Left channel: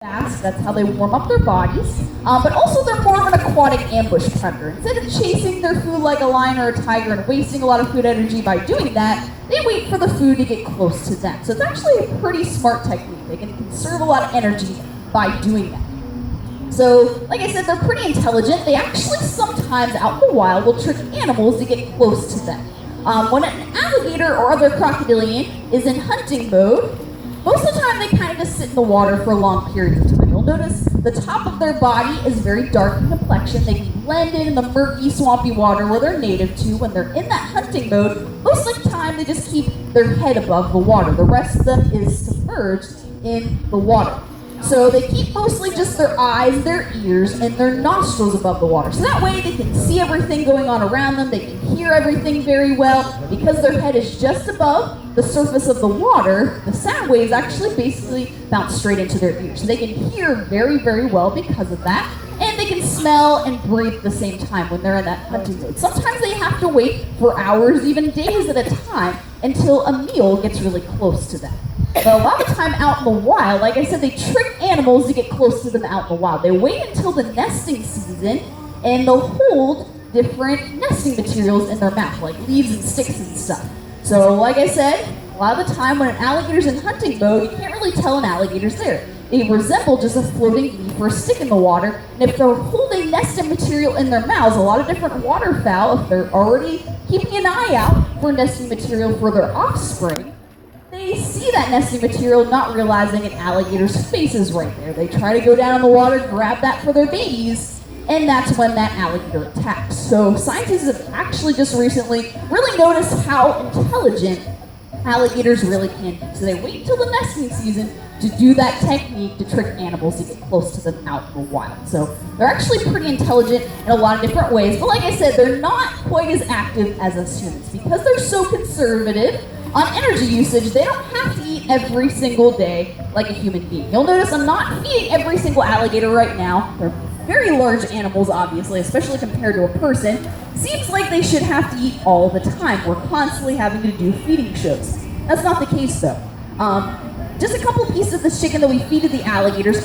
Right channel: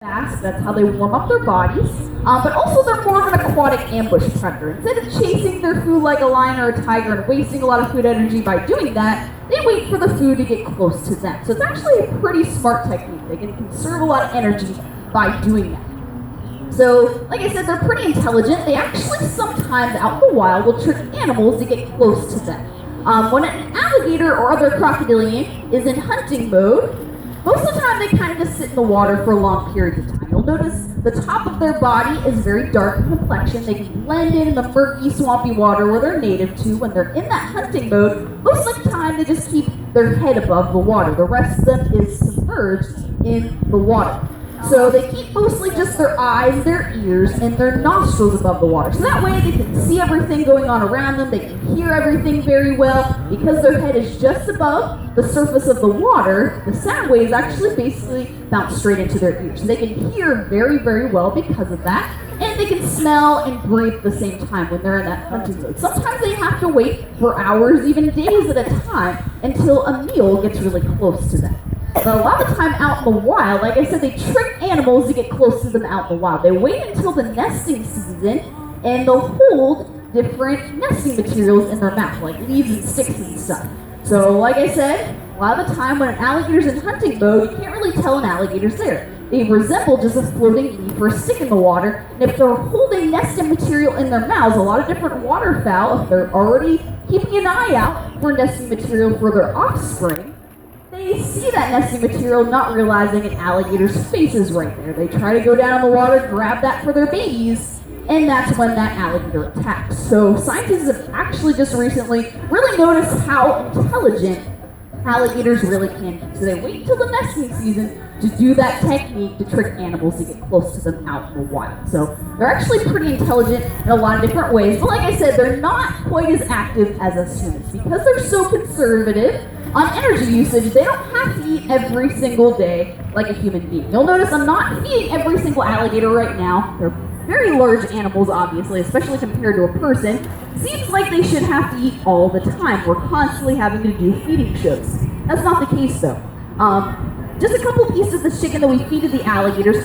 fast, that's how they warm up their bodies, but also they're more of an aquatic ambush predator. Instead of chasing their food like a lion or a tiger and wasting a lot of food energy by doing that, they wait for the food to get close to them. So it's actually a pretty smart technique. They can conserve a lot of energy by doing that. So, like I said, they're pretty intelligent. They actually sometimes out in the wild will trick animals to get close to them. When an alligator or other crocodilian is in hunting mode, most of the time they kind of just sit in the water for a long period of time. You'll notice the top of their body is very dark in complexion. They can blend in the murky, swampy water where they're native to. When they're in that hunting mode, most of the time they just keep their head above the water. The rest of them is submerged in the water. So they keep mostly just their eyes, their ears, and their nostrils above the water. So that way they can see everything going on around them, they can hear everything very well. Because their head is just above the surface of the water, the sound waves actually basically bounce straight into their ears. So they can hear very, very well because of that. And they can smell and breathe at the same time when they're in that hunting mode. Sometimes they have to wait for hours, even days at a time, until a meal gets really close to them. But a lot of the time out in the wild, like I said, they trick animals to get close to them out in the wild. They wait until the nesting season, and they'll hold different nesting materials in their mouth, like leaves and sticks and stuff. So, like I said, a lot of the time when an alligator's in hunting mode, you can't really tell an alligator's there. They resemble just a floating leaf or a stick in the water, and if they're holding nesting material in their mouths, a lot of different waterfowl, if they're already keeping an eye out for nesting material for their offspring, they see that nesting material, not realizing an alligator's face is right there. They try to go down in the water, grab that for their babies, and that's when that alligator attacks. So scientists have actually just recently really noticed how intelligent alligators really can be. So they wait until the nesting season to do that technique to trick animals to get close to them out in the wild. So they're actually pretty intelligent in a lot of different ways. But like I said, they're not quite as active as us humans. Because they're so conservative on energy usage, they don't have to eat every single day like a human being. You'll notice I'm not feeding every single alligator right now. They're very large animals, obviously, especially compared to a person. Seems like they should have to eat all the time. We're constantly having to do feeding shows. That's not the case, though. Just a couple pieces of the chicken that we feed to the alligators